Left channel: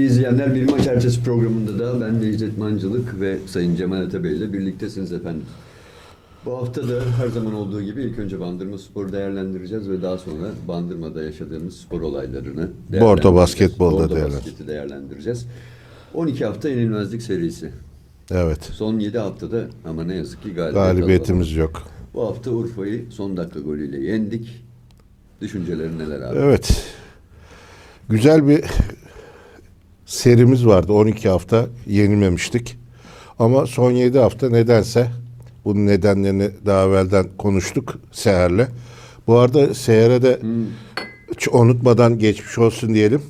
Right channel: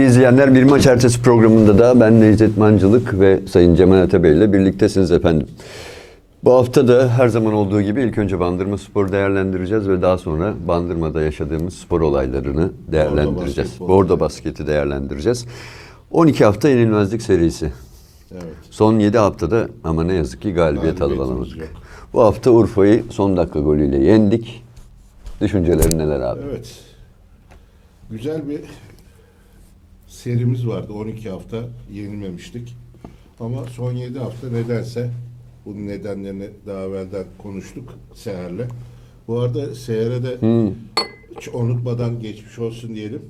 Sevgili izleyenler bir maç ertesi programında da ben Necdet Mancılık ve Sayın Cemal Atabey ile birliktesiniz efendim. Bu hafta da her zaman olduğu gibi ilk önce Bandırma Spor'u değerlendireceğiz ve daha sonra Bandırma'da yaşadığımız spor olaylarını değerlendireceğiz. basketbol Bordo evet. basketi değerlendireceğiz. 12 hafta yenilmezlik serisi. Evet. Son 7 haftada ama ne yazık ki galibiyet Galibiyetimiz alamadık. yok. Bu hafta Urfa'yı son dakika golüyle yendik. Düşüncelerin neler abi? Evet. Güzel bir serimiz vardı. 12 hafta yenilmemiştik. Ama son 7 hafta nedense bunun nedenlerini daha evvelden konuştuk Seher'le. Bu arada Seher'e de hiç unutmadan geçmiş olsun diyelim.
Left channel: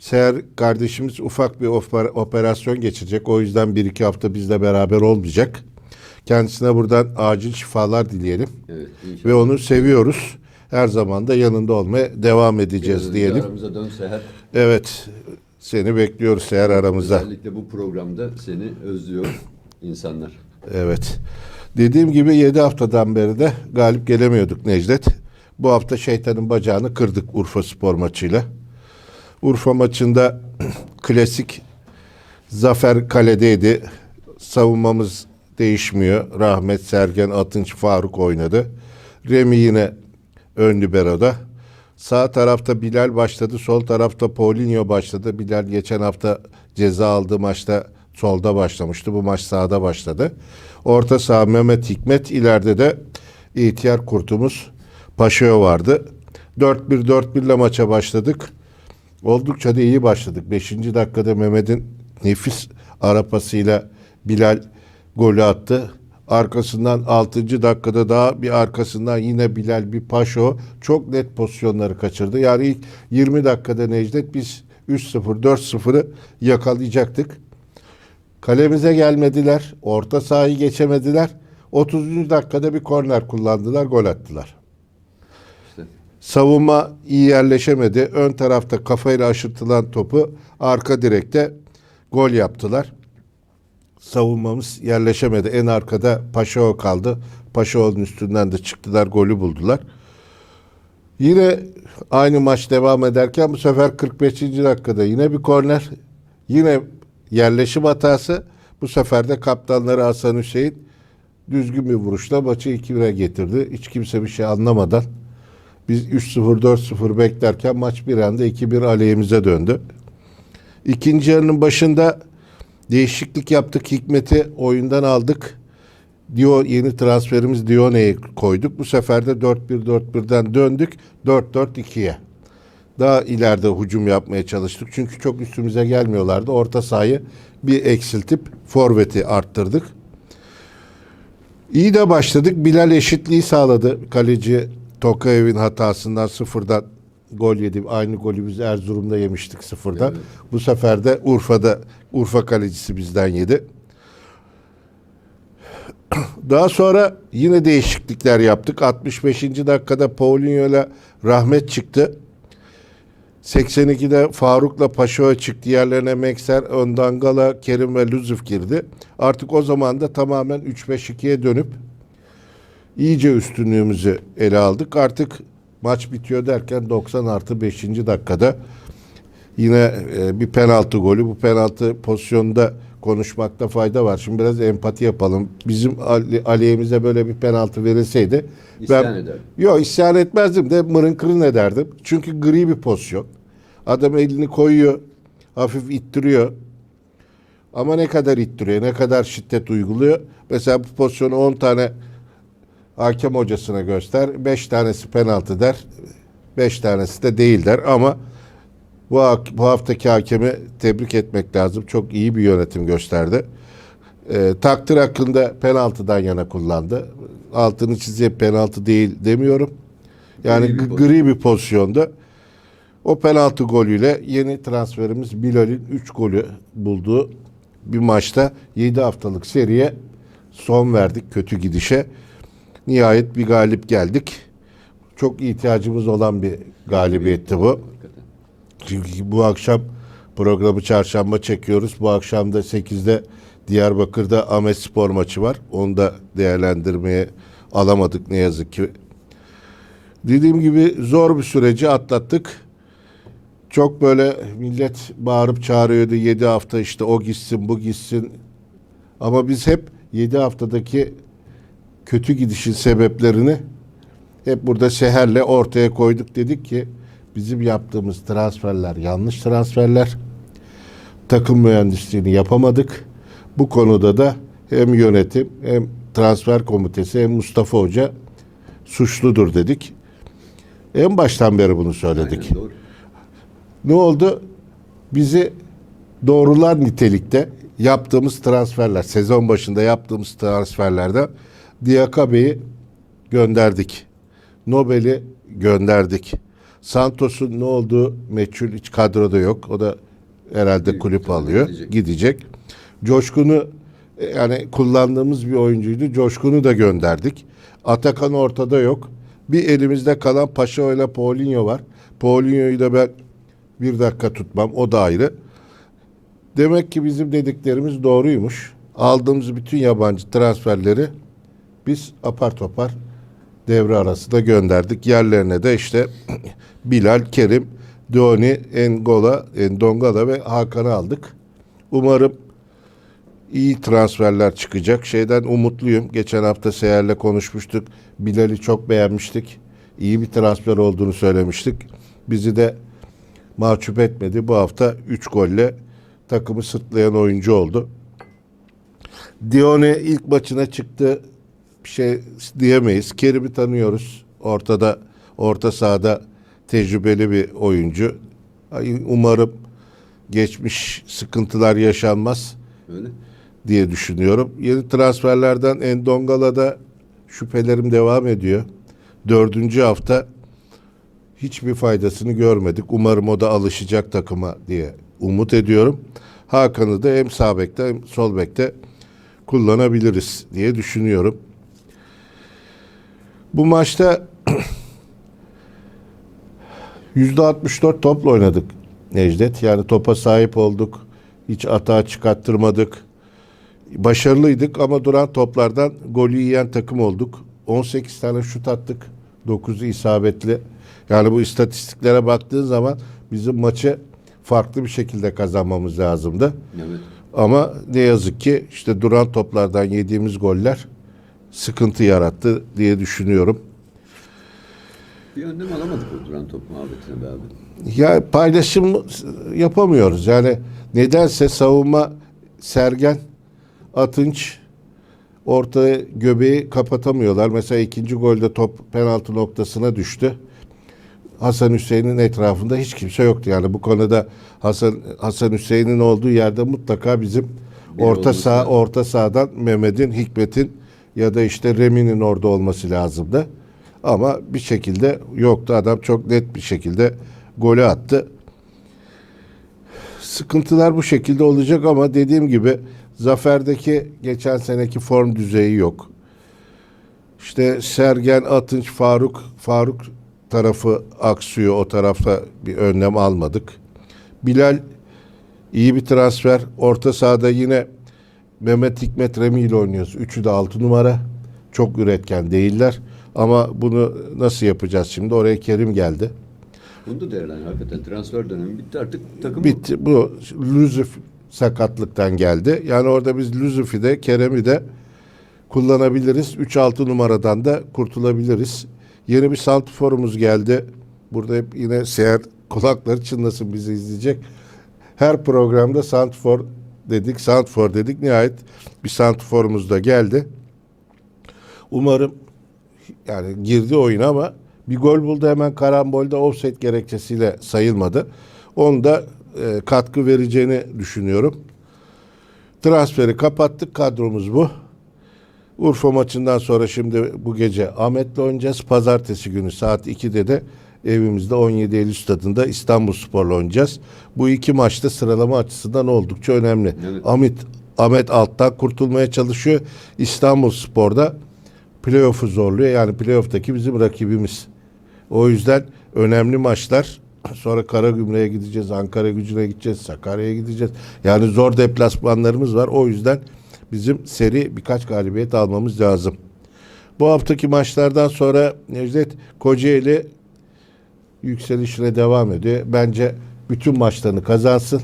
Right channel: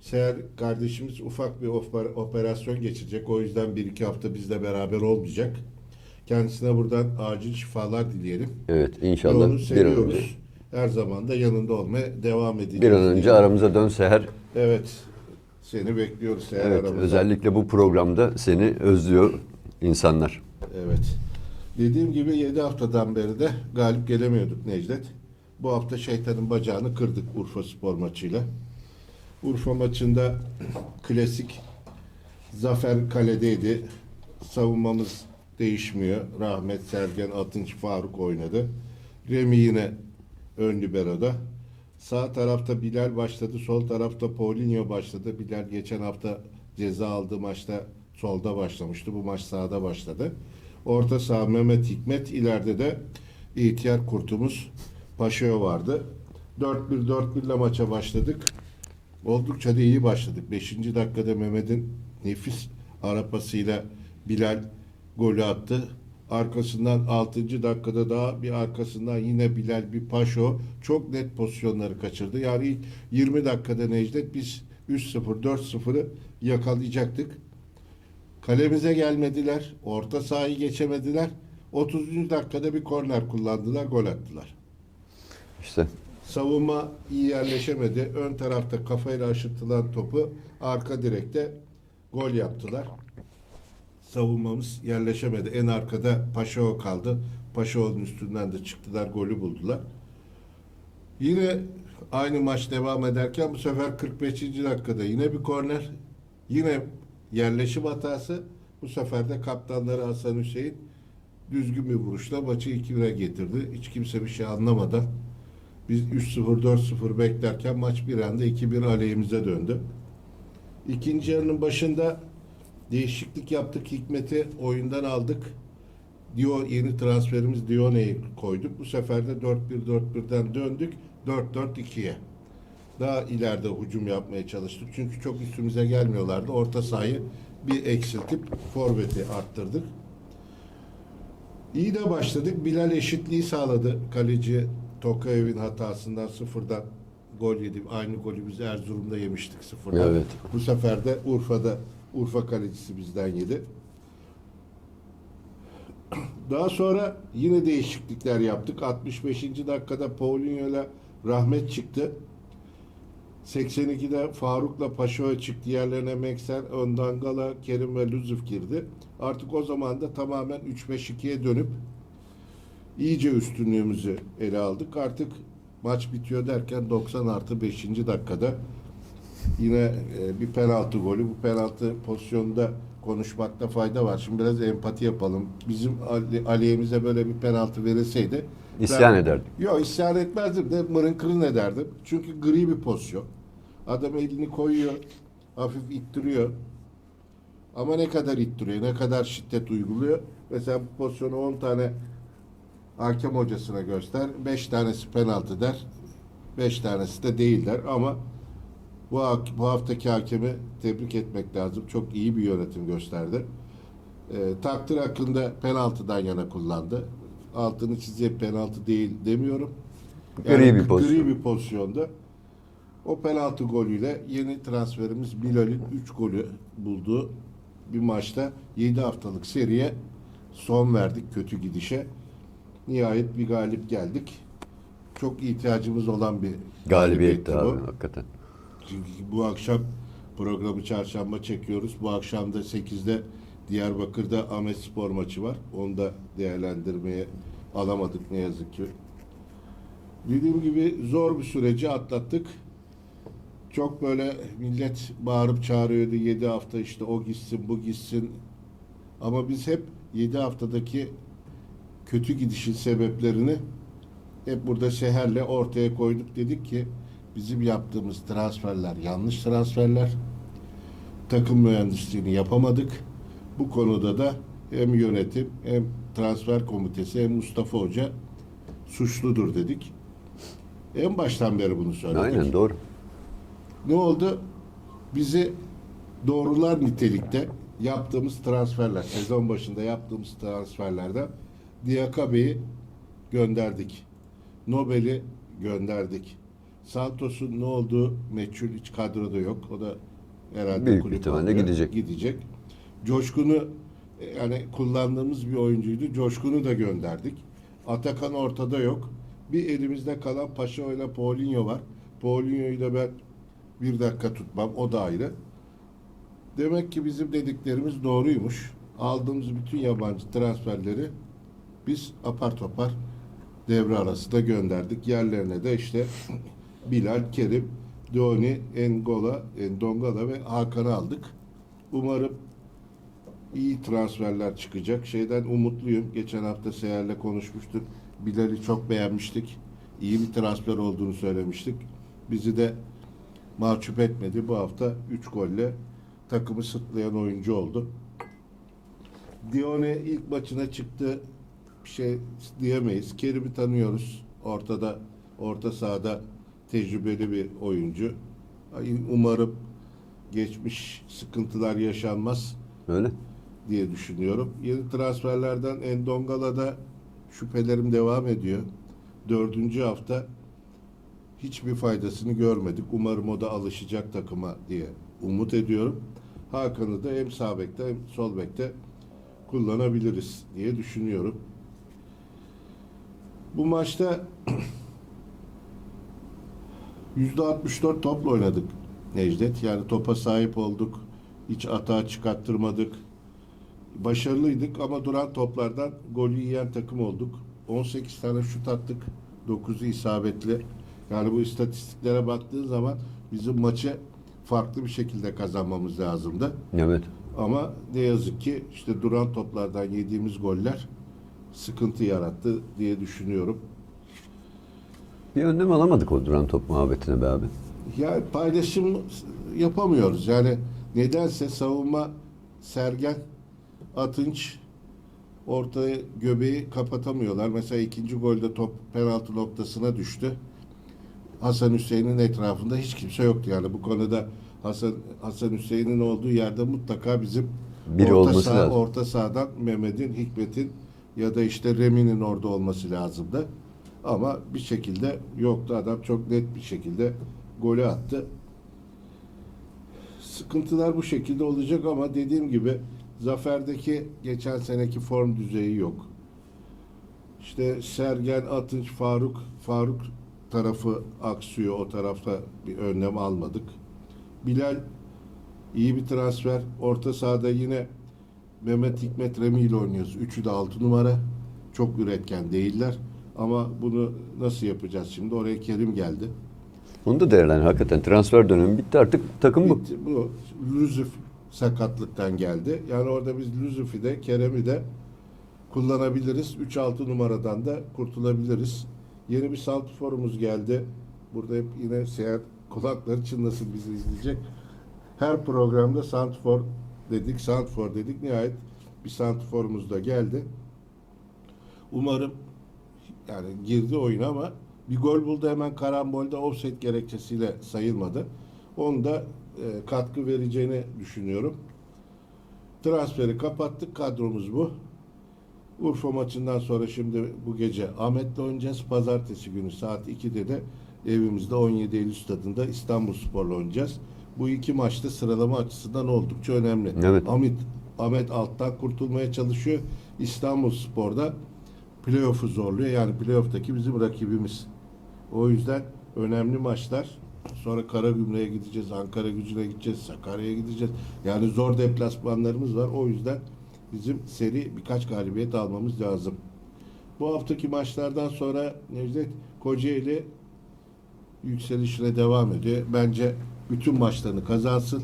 Seher kardeşimiz ufak bir oper- operasyon geçirecek. O yüzden bir iki hafta bizle beraber olmayacak. Kendisine buradan acil şifalar dileyelim. Evet inşallah. Ve onu seviyoruz. Her zaman da yanında olmaya devam Bir edeceğiz an önce diyelim. aramıza dönse her Evet. Seni bekliyoruz Seher aramızda. Özellikle bu programda seni özlüyor insanlar. Evet. Dediğim gibi 7 haftadan beri de galip gelemiyorduk Necdet. Bu hafta şeytanın bacağını kırdık Urfa Spor maçıyla. Urfa maçında klasik zafer kaledeydi. Savunmamız değişmiyor. Rahmet Sergen Atınç Faruk oynadı. Remi yine ön libero'da. Sağ tarafta Bilal başladı. Sol tarafta Paulinho başladı. Bilal geçen hafta ceza aldığı maçta solda başlamıştı. Bu maç sağda başladı. Orta saha Mehmet Hikmet. ileride de ihtiyar kurtumuz Paşao vardı. 4-1-4-1 ile maça başladık. Oldukça da iyi başladık. Beşinci dakikada Mehmet'in nefis arapasıyla Bilal golü attı. Arkasından 6. dakikada daha bir arkasından yine Bilal bir Paşo çok net pozisyonları kaçırdı. Yani ilk 20 dakikada Necdet biz 3-0 4-0'ı yakalayacaktık. Kalemize gelmediler. Orta sahayı geçemediler. 30. dakikada bir korner kullandılar, gol attılar. İşte Savunma iyi yerleşemedi. Ön tarafta kafayla aşırtılan topu arka direkte gol yaptılar. Savunmamız yerleşemedi. En arkada Paşao kaldı. Paşao'nun üstünden de çıktılar, golü buldular. Yine aynı maç devam ederken bu sefer 45. dakikada yine bir korner. Yine yerleşim hatası. Bu sefer de kaptanları Hasan Hüseyin düzgün bir vuruşla maçı 2-1'e getirdi. Hiç kimse bir şey anlamadan biz 3-0 4-0 beklerken maç bir anda 2-1 aleyhimize döndü. İkinci yarının başında değişiklik yaptık. Hikmet'i oyundan aldık. Dio yeni transferimiz Dione'yi koyduk. Bu sefer de 4-1-4-1'den döndük. 4-4-2'ye. Daha ileride hücum yapmaya çalıştık. Çünkü çok üstümüze gelmiyorlardı. Orta sahayı bir eksiltip forveti arttırdık. İyi de başladık. Bilal eşitliği sağladı. Kaleci Tokayev'in hatasından sıfırdan gol yedi. Aynı golü biz Erzurum'da yemiştik sıfırdan. Evet. Bu sefer de Urfa'da Urfa kalecisi bizden yedi. Daha sonra yine değişiklikler yaptık. 65. dakikada Paulinho ile Rahmet çıktı. 82'de Faruk'la Paşao çıktı. Yerlerine Mekser, Öndangala, Kerim ve Lüzuf girdi. Artık o zaman da tamamen 3-5-2'ye dönüp iyice üstünlüğümüzü ele aldık. Artık maç bitiyor derken 90 artı 5. dakikada yine e, bir penaltı golü. Bu penaltı pozisyonunda konuşmakta fayda var. Şimdi biraz empati yapalım. Bizim ale- aleyhimize böyle bir penaltı verilseydi İsyan ederdim. Yok isyan etmezdim de mırın kırın ederdim. Çünkü gri bir pozisyon. Adam elini koyuyor, hafif ittiriyor. Ama ne kadar ittiriyor, ne kadar şiddet uyguluyor. Mesela bu pozisyonu 10 tane hakem hocasına göster. 5 tanesi penaltı der. 5 tanesi de değil der. Ama bu, bu haftaki hakemi tebrik etmek lazım. Çok iyi bir yönetim gösterdi. Ee, takdir hakkında penaltıdan yana kullandı. Altını çizip penaltı değil demiyorum. Yani gri bir, pozisyon. gri bir pozisyonda. O penaltı golüyle yeni transferimiz Bilal'in 3 golü bulduğu bir maçta 7 haftalık seriye son verdik kötü gidişe. Nihayet bir galip geldik. Çok ihtiyacımız olan bir galibiyetti bu. Hakikaten. Çünkü bu akşam programı çarşamba çekiyoruz. Bu akşam da 8'de Diyarbakır'da Ahmet Spor maçı var. Onu da değerlendirmeye alamadık ne yazık ki. Dediğim gibi zor bir süreci atlattık. çok böyle millet bağırıp çağırıyordu 7 hafta işte o gitsin bu gitsin. Ama biz hep 7 haftadaki kötü gidişin sebeplerini hep burada Seher'le ortaya koyduk. Dedik ki bizim yaptığımız transferler yanlış transferler. Takım mühendisliğini yapamadık. Bu konuda da hem yönetim hem transfer komitesi hem Mustafa Hoca suçludur dedik. En baştan beri bunu söyledik. Aynen doğru. Ne oldu? Bizi doğrular nitelikte yaptığımız transferler, sezon başında yaptığımız transferlerde Diakabe'yi gönderdik. Nobel'i gönderdik. Santos'un ne olduğu meçhul hiç kadroda yok. O da herhalde Büyük kulüp alıyor. gidecek. Gidecek. Coşkun'u e, yani kullandığımız bir oyuncuydu. Coşkun'u da gönderdik. Atakan ortada yok. Bir elimizde kalan Paşa ile Paulinho var. Paulinho'yu da ben bir dakika tutmam. O da ayrı. Demek ki bizim dediklerimiz doğruymuş. Aldığımız bütün yabancı transferleri biz apar topar devre arasında gönderdik. Yerlerine de işte Bilal, Kerim, Doni, Engola, Endongala ve Hakan'ı aldık. Umarım iyi transferler çıkacak. Şeyden umutluyum. Geçen hafta Seher'le konuşmuştuk. Bilal'i çok beğenmiştik. İyi bir transfer olduğunu söylemiştik. Bizi de mahcup etmedi. Bu hafta 3 golle takımı sırtlayan oyuncu oldu. Dione ilk maçına çıktı. Şey diyemeyiz. Kerim'i tanıyoruz. Ortada, orta sahada tecrübeli bir oyuncu. Umarım geçmiş sıkıntılar yaşanmaz Öyle. diye düşünüyorum. Yeni transferlerden Endongala'da şüphelerim devam ediyor. Dördüncü hafta hiçbir faydasını görmedik. Umarım o da alışacak takıma diye umut ediyorum. Hakan'ı da hem sağ bekte hem sol bekte kullanabiliriz diye düşünüyorum. Bu maçta %64 topla oynadık Necdet. Yani topa sahip olduk. Hiç atağa çıkarttırmadık. Başarılıydık ama duran toplardan golü yiyen takım olduk. 18 tane şut attık. 9'u isabetli. Yani bu istatistiklere baktığın zaman bizim maçı farklı bir şekilde kazanmamız lazımdı. Evet. Ama ne yazık ki işte duran toplardan yediğimiz goller sıkıntı yarattı diye düşünüyorum. Bir önlem alamadık o duran top muhabbetine be abi. Ya paylaşım yapamıyoruz. Yani nedense savunma Sergen, Atınç orta göbeği kapatamıyorlar. Mesela ikinci golde top penaltı noktasına düştü. Hasan Hüseyin'in etrafında hiç kimse yoktu. Yani bu konuda Hasan Hasan Hüseyin'in olduğu yerde mutlaka bizim Biri orta sağ orta sahadan Mehmet'in, Hikmet'in ya da işte Remi'nin orada olması lazımdı. Ama bir şekilde yoktu. Adam çok net bir şekilde golü attı. Sıkıntılar bu şekilde olacak ama dediğim gibi Zafer'deki geçen seneki form düzeyi yok. İşte Sergen, Atınç, Faruk, Faruk tarafı aksıyor. O tarafta bir önlem almadık. Bilal iyi bir transfer. Orta sahada yine Mehmet Hikmet Remi ile oynuyoruz. Üçü de altı numara. Çok üretken değiller. Ama bunu nasıl yapacağız şimdi? Oraya Kerim geldi. Onu da değerlendir. Hakikaten transfer dönemi bitti artık takım bu. Bitti. Bu Lüzuf sakatlıktan geldi. Yani orada biz Lüzuf'i de Kerem'i de kullanabiliriz. 3-6 numaradan da kurtulabiliriz. Yeni bir santrforumuz geldi. Burada hep yine seyahat kulakları çınlasın bizi izleyecek. Her programda santfor dedik, santfor dedik. Nihayet bir santrforumuz da geldi. Umarım yani girdi oyuna ama bir gol buldu hemen karambolde offset gerekçesiyle sayılmadı. Onu da e, katkı vereceğini düşünüyorum. Transferi kapattık. Kadromuz bu. Urfa maçından sonra şimdi bu gece Ahmet'le oynayacağız. Pazartesi günü saat 2'de de evimizde 17 Eylül stadında İstanbul Spor'la oynayacağız. Bu iki maçta sıralama açısından oldukça önemli. Evet. Ahmet, Ahmet alttan kurtulmaya çalışıyor. İstanbul Spor'da playoff'u zorluyor. Yani playoff'taki bizim rakibimiz. O yüzden önemli maçlar. Sonra Karagümrük'e gideceğiz, Ankara gücüne gideceğiz, Sakarya'ya gideceğiz. Yani zor deplasmanlarımız var. O yüzden bizim seri birkaç galibiyet almamız lazım. Bu haftaki maçlardan sonra Necdet Kocaeli yükselişine devam ediyor. Bence bütün maçlarını kazansın.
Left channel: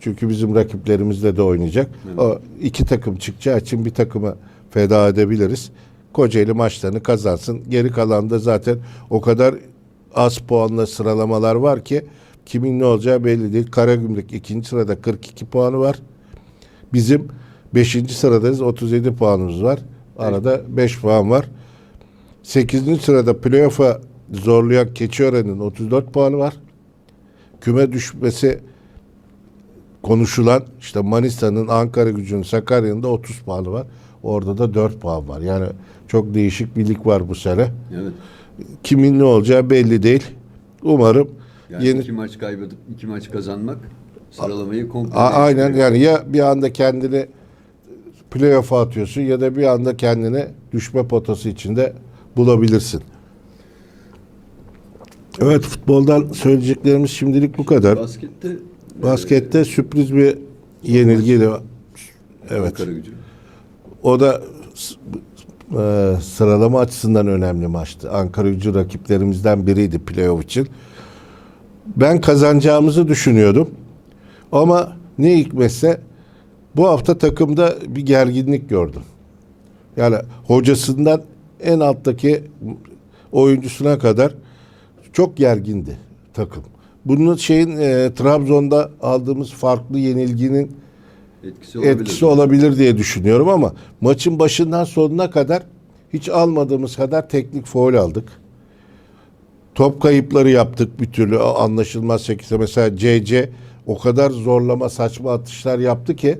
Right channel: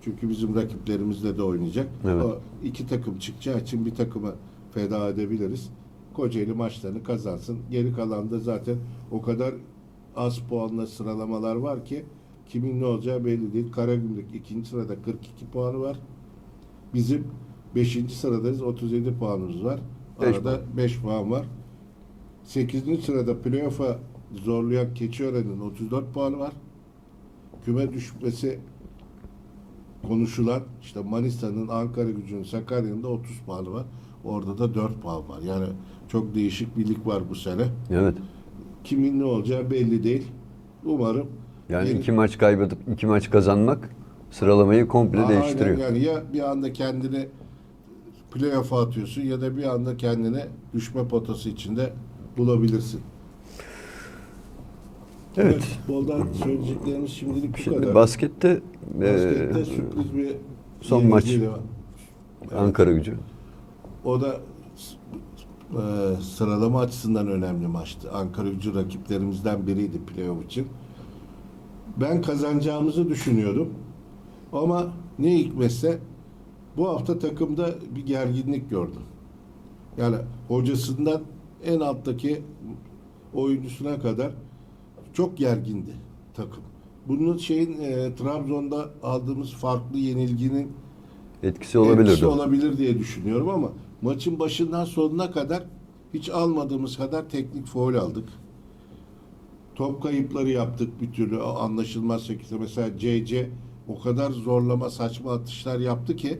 Çünkü bizim rakiplerimizle de oynayacak. Evet. O iki takım çıkacağı için bir takımı feda edebiliriz. Kocaeli maçlarını kazansın. Geri kalan da zaten o kadar az puanla sıralamalar var ki kimin ne olacağı belli değil. Karagümrük ikinci sırada 42 puanı var. Bizim 5. sıradayız 37 puanımız var. Arada 5 puan var. 8. sırada playoff'a zorlayan Keçiören'in 34 puanı var. Küme düşmesi konuşulan işte Manisa'nın, Ankara gücünün, Sakarya'nın da 30 puanı var. Orada da 4 puan var. Yani çok değişik bir lig var bu sene. Evet. Kimin ne olacağı belli değil. Umarım Yani yeni iki maç kaybedip iki maç kazanmak sıralamayı komple A- aynen yani ya bir anda kendini playoff'a atıyorsun ya da bir anda kendini düşme potası içinde bulabilirsin. Evet futboldan söyleyeceklerimiz şimdilik bu kadar. Baskette Baskette e, sürpriz bir son yenilgiyle evet. Ankara gücü. O da e, sıralama açısından önemli maçtı. Ankara gücü rakiplerimizden biriydi playoff için. Ben kazanacağımızı düşünüyordum. Ama ne hikmetse bu hafta takımda bir gerginlik gördüm. Yani hocasından en alttaki oyuncusuna kadar çok gergindi takım. Bunun şeyin e, Trabzon'da aldığımız farklı yenilginin Etkisi olabilir. etkisi olabilir diye düşünüyorum ama maçın başından sonuna kadar hiç almadığımız kadar teknik foul aldık. Top kayıpları yaptık bir türlü anlaşılmaz şekilde. Mesela CC o kadar zorlama saçma atışlar yaptı ki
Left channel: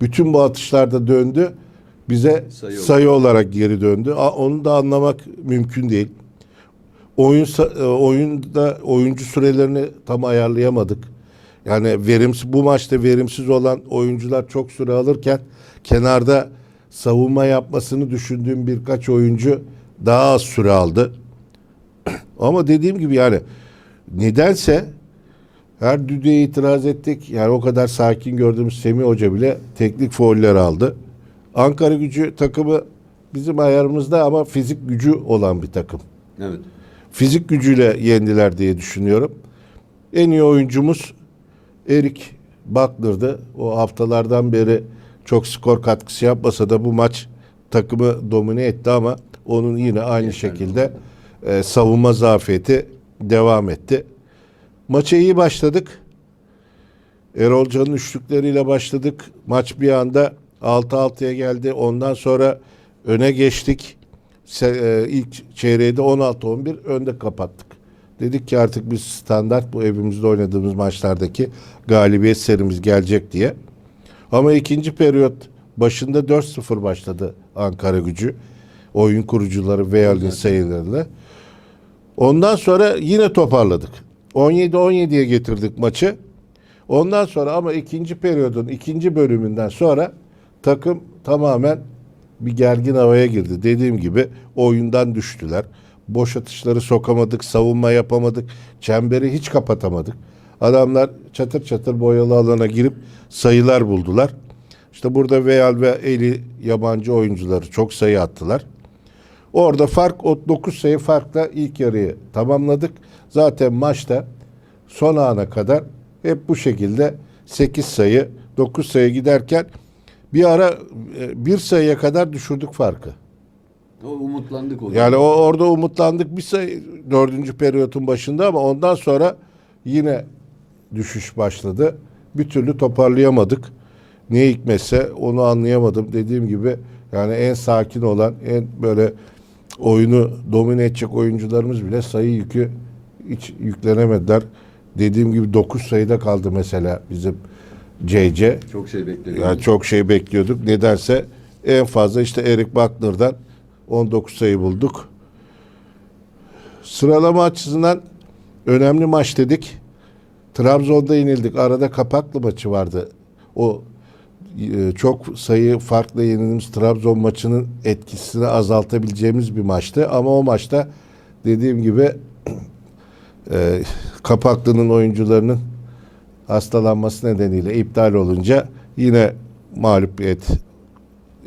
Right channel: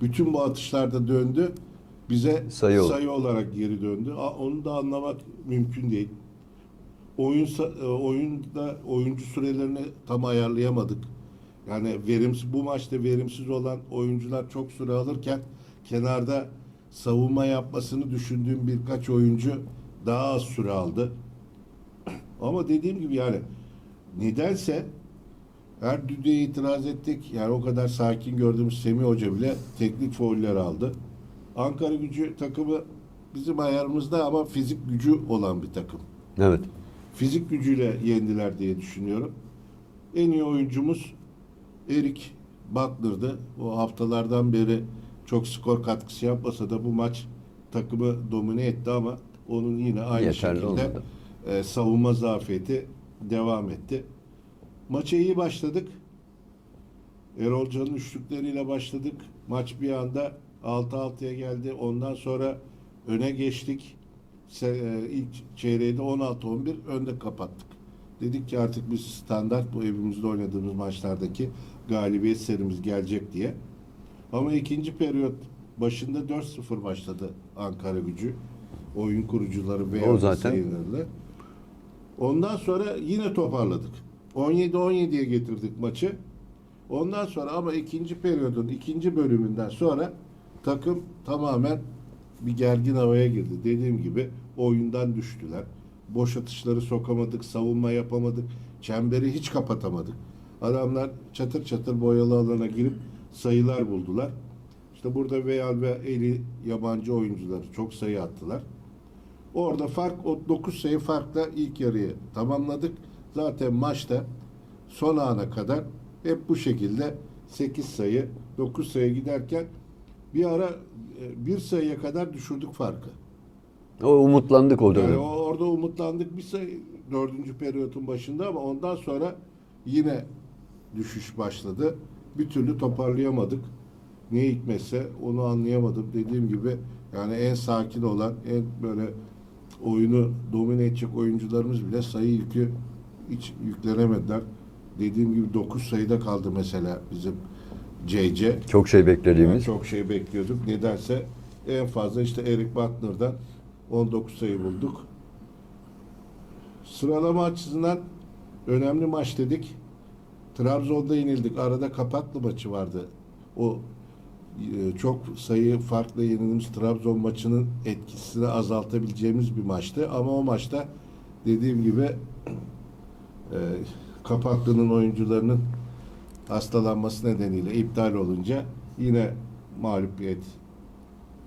bütün bu atışlarda döndü. Bize Sayı sayı, olarak geri döndü. Onu da anlamak mümkün değil. Oyun e, oyunda oyuncu sürelerini tam ayarlayamadık. Yani verimsiz bu maçta verimsiz olan oyuncular çok süre alırken kenarda savunma yapmasını düşündüğüm birkaç oyuncu daha az süre aldı. Ama dediğim gibi yani nedense her düdüğe itiraz ettik. Yani o kadar sakin gördüğümüz Semih Hoca bile teknik fauller aldı. Ankara gücü takımı bizim ayarımızda ama fizik gücü olan bir takım Evet. Fizik gücüyle yendiler diye düşünüyorum. En iyi oyuncumuz Erik Butler'dı. O haftalardan beri çok skor katkısı yapmasa da bu maç takımı domine etti ama onun yine aynı Yeterli şekilde olmadı. e, savunma zafiyeti devam etti. Maça iyi başladık. Erol Can'ın üçlükleriyle başladık. Maç bir anda 6-6'ya geldi. Ondan sonra öne geçtik. E, ilk çeyreği de 16-11 önde kapattık. Dedik ki artık biz standart bu evimizde oynadığımız maçlardaki galibiyet serimiz gelecek diye. Ama ikinci periyot başında 4-0 başladı Ankara gücü. Oyun kurucuları zaten. sayılarıyla. Ondan sonra yine toparladık. 17-17'ye getirdik maçı. Ondan sonra ama ikinci periyodun ikinci bölümünden sonra takım tamamen bir gergin havaya girdi. Dediğim gibi oyundan düştüler. Boş atışları sokamadık, savunma yapamadık, çemberi hiç kapatamadık. Adamlar çatır çatır boyalı alana girip sayılar buldular. İşte burada Veal ve Eli yabancı oyuncuları çok sayı attılar. Orada fark o 9 sayı farkla ilk yarıyı tamamladık. Zaten maçta son ana kadar hep bu şekilde 8 sayı 9 sayı giderken bir ara e, bir sayıya kadar düşürdük farkı. O umutlandık o Yani o orada umutlandık bir sayı dördüncü periyotun başında ama ondan sonra yine düşüş başladı. Bir türlü toparlayamadık. Ne hikmetse onu anlayamadım. Dediğim gibi yani en sakin olan, en böyle oyunu domine edecek oyuncularımız bile sayı yükü hiç yüklenemediler. Dediğim gibi 9 sayıda kaldı mesela bizim CC. Çok şey bekleniyor. Yani çok şey bekliyorduk. Nedense en fazla işte Erik Buckner'dan 19 sayı bulduk. Sıralama açısından önemli maç dedik. Trabzon'da yenildik. Arada kapaklı maçı vardı. O e, çok sayı farklı yenildiğimiz Trabzon maçının etkisini azaltabileceğimiz bir maçtı. Ama o maçta dediğim gibi e, Kapaklı'nın oyuncularının hastalanması nedeniyle iptal olunca yine mağlubiyet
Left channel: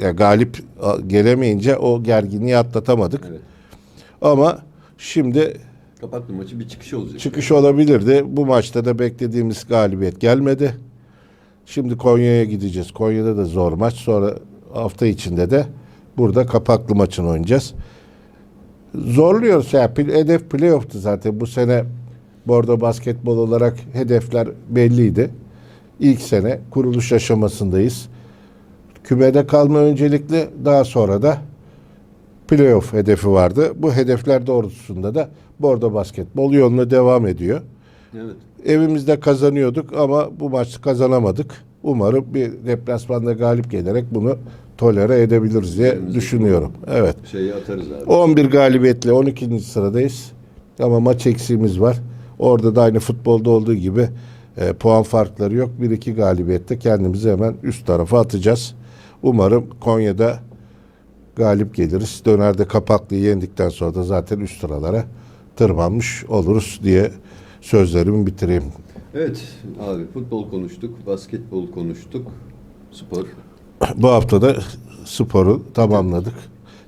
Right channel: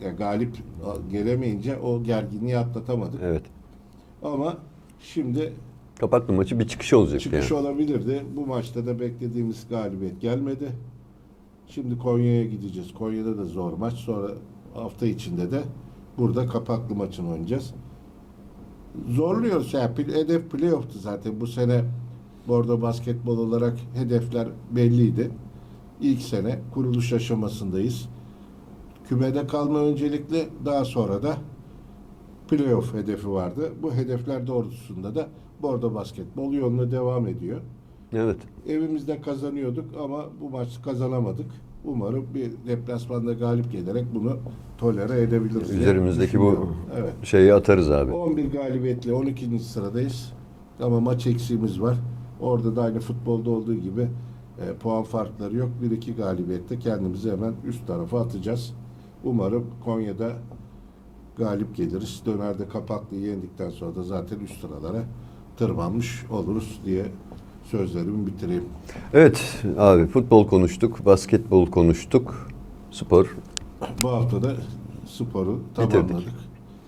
ya galip gelemeyince o gerginliği atlatamadık. Evet. Ama şimdi Kapaklı maçı bir çıkış olacak. Çıkış yani. olabilirdi. Bu maçta da beklediğimiz galibiyet gelmedi. Şimdi Konya'ya gideceğiz. Konya'da da zor maç. Sonra hafta içinde de burada kapaklı maçını oynayacağız. Zorluyoruz. Yani hedef playoff'tu zaten. Bu sene Bordo basketbol olarak hedefler belliydi. İlk sene kuruluş aşamasındayız. Kümede kalma öncelikli daha sonra da playoff hedefi vardı. Bu hedefler doğrultusunda da Bordo basketbol yoluna devam ediyor. Evet. Evimizde kazanıyorduk ama bu maçı kazanamadık. Umarım bir deplasmanda galip gelerek bunu tolere edebiliriz diye düşünüyorum. Evet. Şeyi atarız abi. 11 galibiyetle 12. sıradayız. Ama maç eksiğimiz var. Orada da aynı futbolda olduğu gibi e, puan farkları yok. 1-2 galibiyette kendimizi hemen üst tarafa atacağız. Umarım Konya'da galip geliriz. Dönerde Kapaklı'yı yendikten sonra da zaten üst sıralara tırmanmış oluruz diye sözlerimi bitireyim. Evet abi futbol konuştuk, basketbol konuştuk, spor. Bu hafta da sporu tamamladık.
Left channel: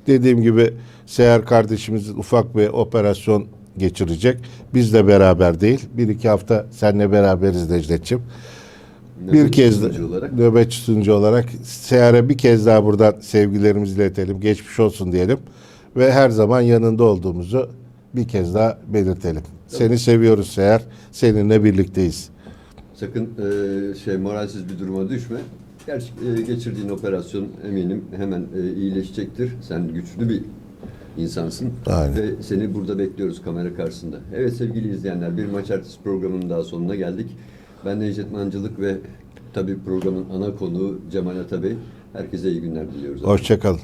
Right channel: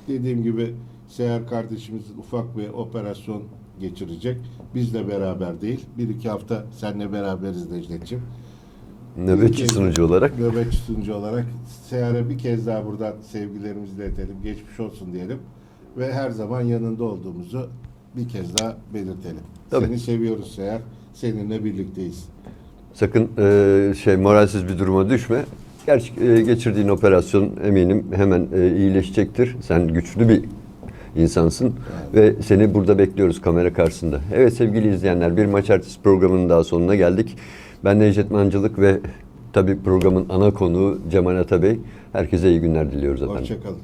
Dediğim gibi Seher kardeşimiz ufak bir operasyon geçirecek. Biz de beraber değil. Bir iki hafta seninle beraberiz Necdet'ciğim. Nöbetçi sunucu olarak. Nöbetçi sunucu olarak Seher'e bir kez daha buradan sevgilerimizi iletelim. Geçmiş olsun diyelim. Ve her zaman yanında olduğumuzu bir kez daha belirtelim. Tabii. Seni seviyoruz Seher. Seninle birlikteyiz. Sakın e, şey moralsiz bir duruma düşme. Gerçi e, geçirdiğin operasyon eminim hemen e, iyileşecektir. Sen güçlü bir insansın Aynen. ve seni burada bekliyoruz kamera karşısında. Evet sevgili izleyenler bir maç ertesi programının daha sonuna geldik. Ben Necdet Mancılık ve tabii programın ana konuğu Cemal Atabey. Herkese iyi günler diliyoruz. Hoşçakalın.